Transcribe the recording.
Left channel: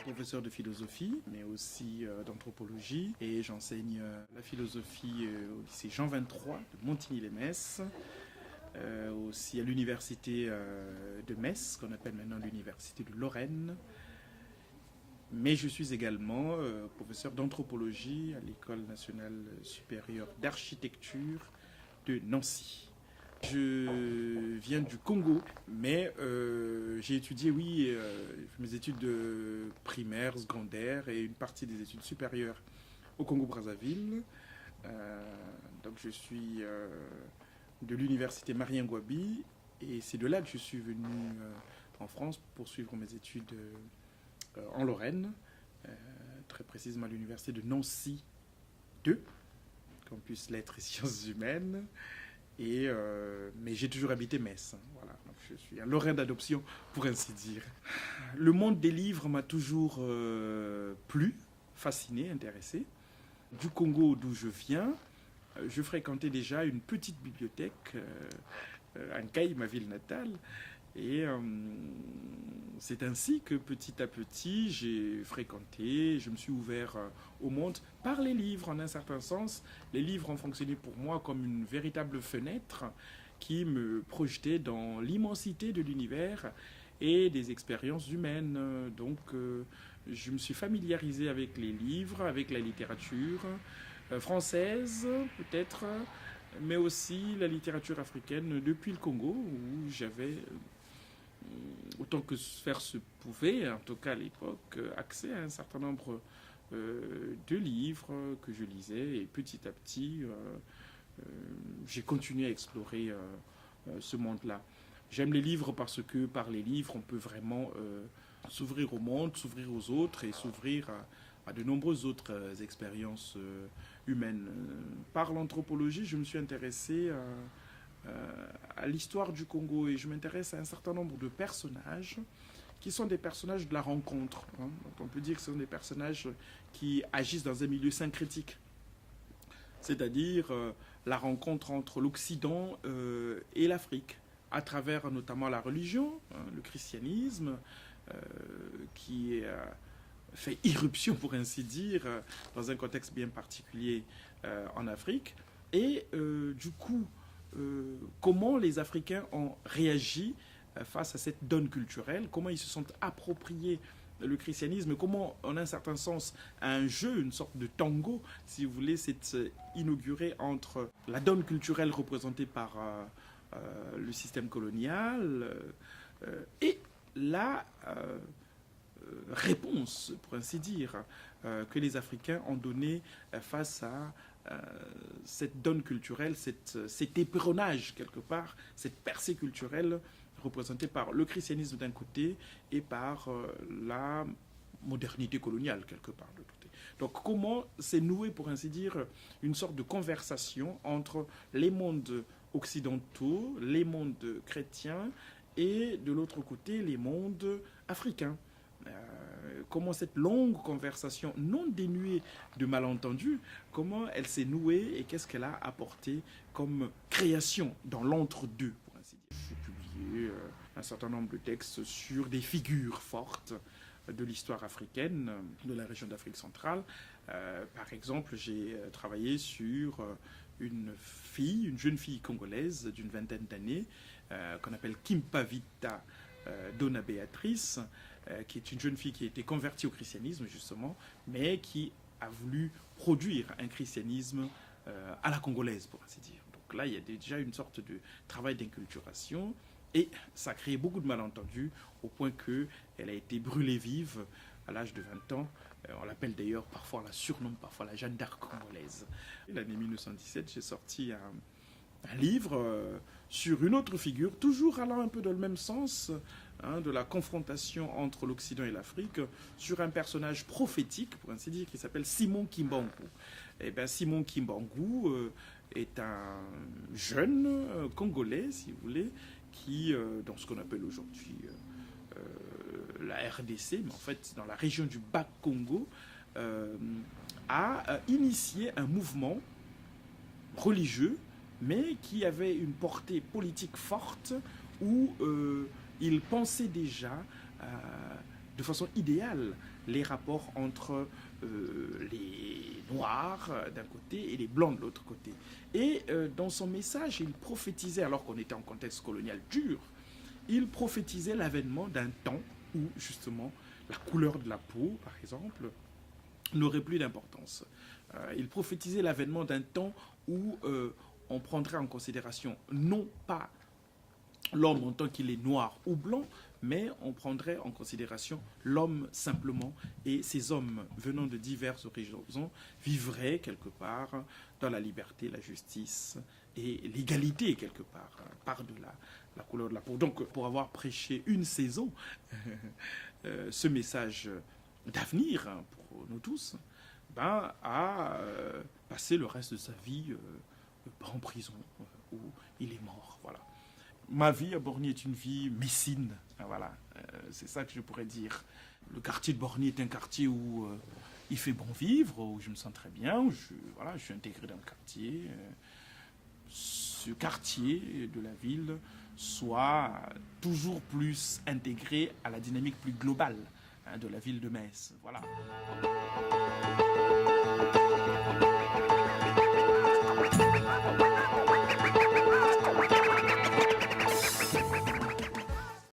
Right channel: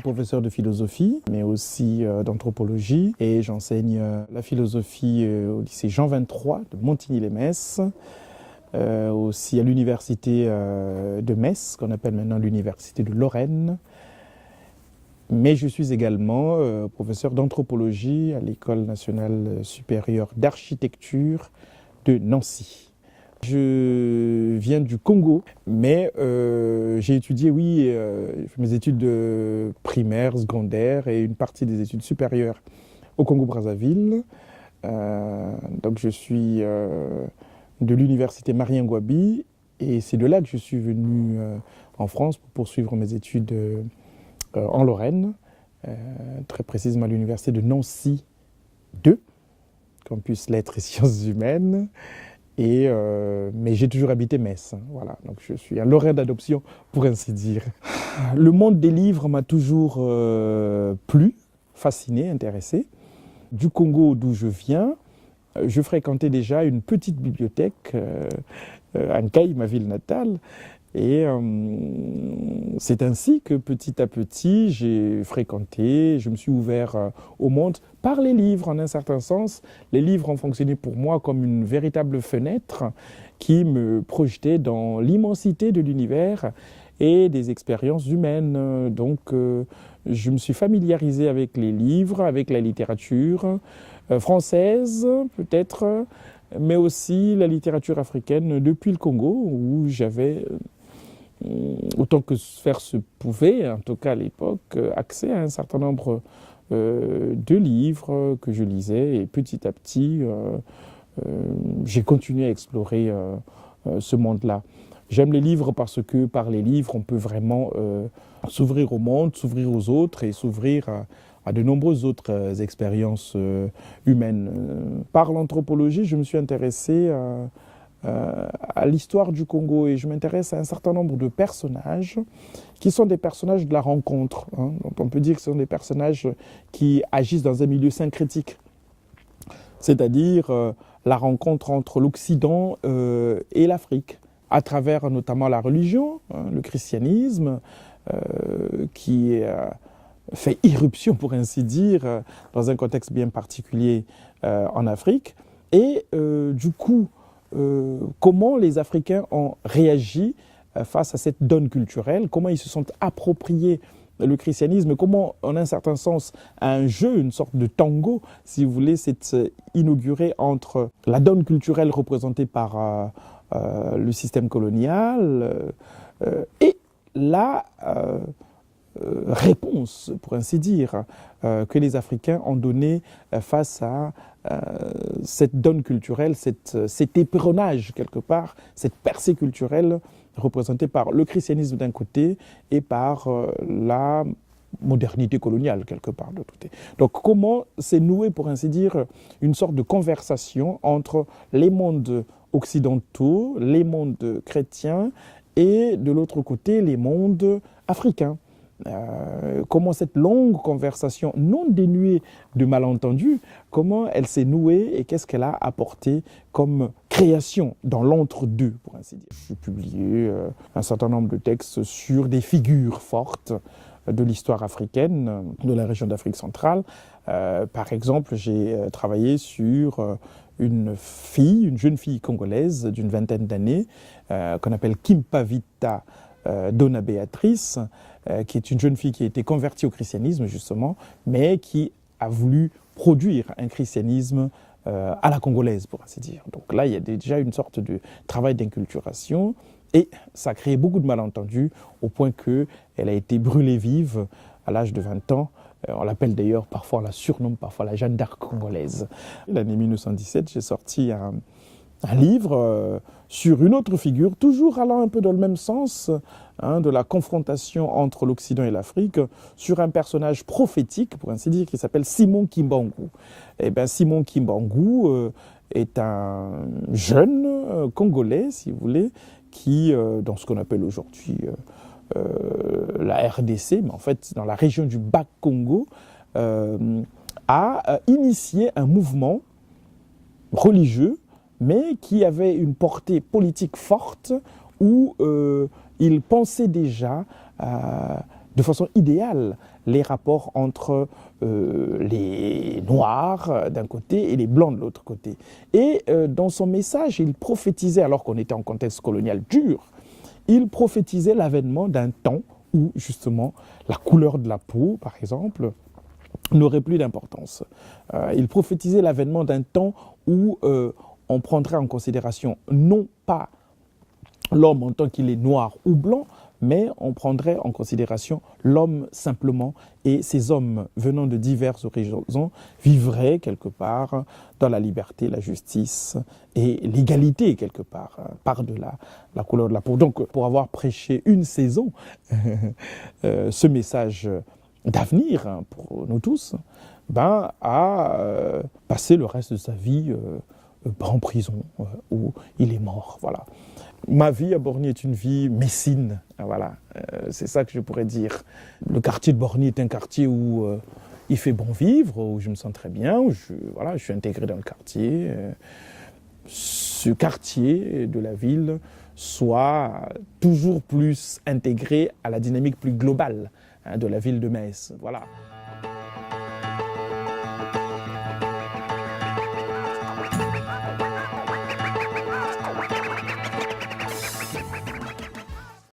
professeur de philosophie, mais aussi d'anthropologie. Et j'enseigne la philosophie au lycée Jean 23 de Montigny-lès-Metz, aussi à l'université de Metz, qu'on appelle maintenant l'université de Lorraine. Mais je suis également professeur d'anthropologie à l'École nationale supérieure d'architecture de Nancy. Je viens du Congo, mais j'ai étudié, mes études primaires, secondaires et une partie des études supérieures au Congo-Brazzaville. Donc je suis de l'université Marien Ngouabi et c'est de là que je suis venu en France pour poursuivre mes études en Lorraine, très précisément à l'université de Nancy 2, campus lettres et sciences humaines. Mais j'ai toujours habité Metz, voilà. Donc je suis un Lorrain d'adoption, pour ainsi dire. Le monde des livres m'a toujours plu, fasciné, intéressé. Du Congo, d'où je viens, je fréquentais déjà une petite bibliothèque à Nkaï, ma ville natale. Et c'est ainsi que petit à petit, j'ai fréquenté, je me suis ouvert au monde par les livres en un certain sens. Les livres ont fonctionné pour moi comme une véritable fenêtre qui me projetait dans l'immensité de l'univers et des expériences humaines. Donc je me suis familiarisé avec les livres, avec la littérature française peut-être, mais aussi la littérature africaine depuis le Congo où j'avais autant que faire se pouvait, en tout cas à l'époque, accès à un certain nombre de livres que je lisais. Et petit à petit, j'ai continué à explorer ce monde-là. J'aime les livres parce que par les livres, on peut vraiment s'ouvrir au monde, s'ouvrir aux autres et s'ouvrir à de nombreuses autres expériences humaines. Par l'anthropologie, je me suis intéressé à l'histoire du Congo et je m'intéresse à un certain nombre de personnages qui sont des personnages de la rencontre. Donc on peut dire que ce sont des personnages qui agissent dans un milieu syncrétique, c'est-à-dire la rencontre entre l'Occident et l'Afrique, à travers notamment la religion, le christianisme, qui fait irruption, pour ainsi dire, dans un contexte bien particulier en Afrique. Et du coup, comment les Africains ont réagi face à cette donne culturelle, comment ils se sont appropriés le christianisme, comment, en un certain sens, un jeu, une sorte de tango, si vous voulez, s'est inauguré entre la donne culturelle représentée par le système colonial et la réponse, pour ainsi dire, que les Africains ont donnée face à cette donne culturelle, cet éperonnage quelque part, cette percée culturelle représentée par le christianisme d'un côté et par la modernité coloniale quelque part de l'autre côté. Donc comment s'est noué, pour ainsi dire, une sorte de conversation entre les mondes occidentaux, les mondes chrétiens et de l'autre côté les mondes africains. Comment cette longue conversation non dénuée de malentendus, comment elle s'est nouée et qu'est-ce qu'elle a apporté comme création dans l'entre-deux, pour ainsi dire. J'ai publié un certain nombre de textes sur des figures fortes de l'histoire africaine, de la région d'Afrique centrale. Par exemple, j'ai travaillé sur une jeune fille congolaise d'une vingtaine d'années, qu'on appelle Kimpavita Dona Béatrice, qui est une jeune fille qui a été convertie au christianisme justement, mais qui a voulu produire un christianisme à la congolaise, pour ainsi dire. Donc là, il y a déjà une sorte de travail d'inculturation et ça a créé beaucoup de malentendus au point qu'elle a été brûlée vive à l'âge de 20 ans. On l'appelle d'ailleurs, parfois on la surnomme parfois la Jeanne d'Arc congolaise. L'année 1917, j'ai sorti un livre sur une autre figure, toujours allant un peu dans le même sens, de la confrontation entre l'Occident et l'Afrique, sur un personnage prophétique, pour ainsi dire, qui s'appelle Simon Kimbangu. Et bien, Simon Kimbangu est un jeune Congolais, si vous voulez, qui, dans ce qu'on appelle aujourd'hui la RDC, mais en fait dans la région du Bas-Congo, a initié un mouvement religieux, mais qui avait une portée politique forte, où il pensait déjà de façon idéale les rapports entre les Noirs d'un côté et les Blancs de l'autre côté. Et dans son message, il prophétisait, alors qu'on était en contexte colonial dur, il prophétisait l'avènement d'un temps où justement la couleur de la peau, par exemple, n'aurait plus d'importance. Il prophétisait l'avènement d'un temps où on prendrait en considération non pas l'homme en tant qu'il est noir ou blanc, mais on prendrait en considération l'homme simplement, et ces hommes venant de diverses horizons vivraient quelque part dans la liberté, la justice et l'égalité quelque part, par-delà la couleur de la peau. Donc pour avoir prêché une saison, ce message d'avenir pour nous tous, a passé le reste de sa vie en prison, où il est mort. Voilà. Ma vie à Borny est une vie messine, voilà, c'est ça que je pourrais dire. Le quartier de Borny est un quartier où il fait bon vivre, où je me sens très bien, où je suis intégré dans le quartier. Ce quartier de la ville soit toujours plus intégré à la dynamique plus globale de la ville de Metz. Voilà.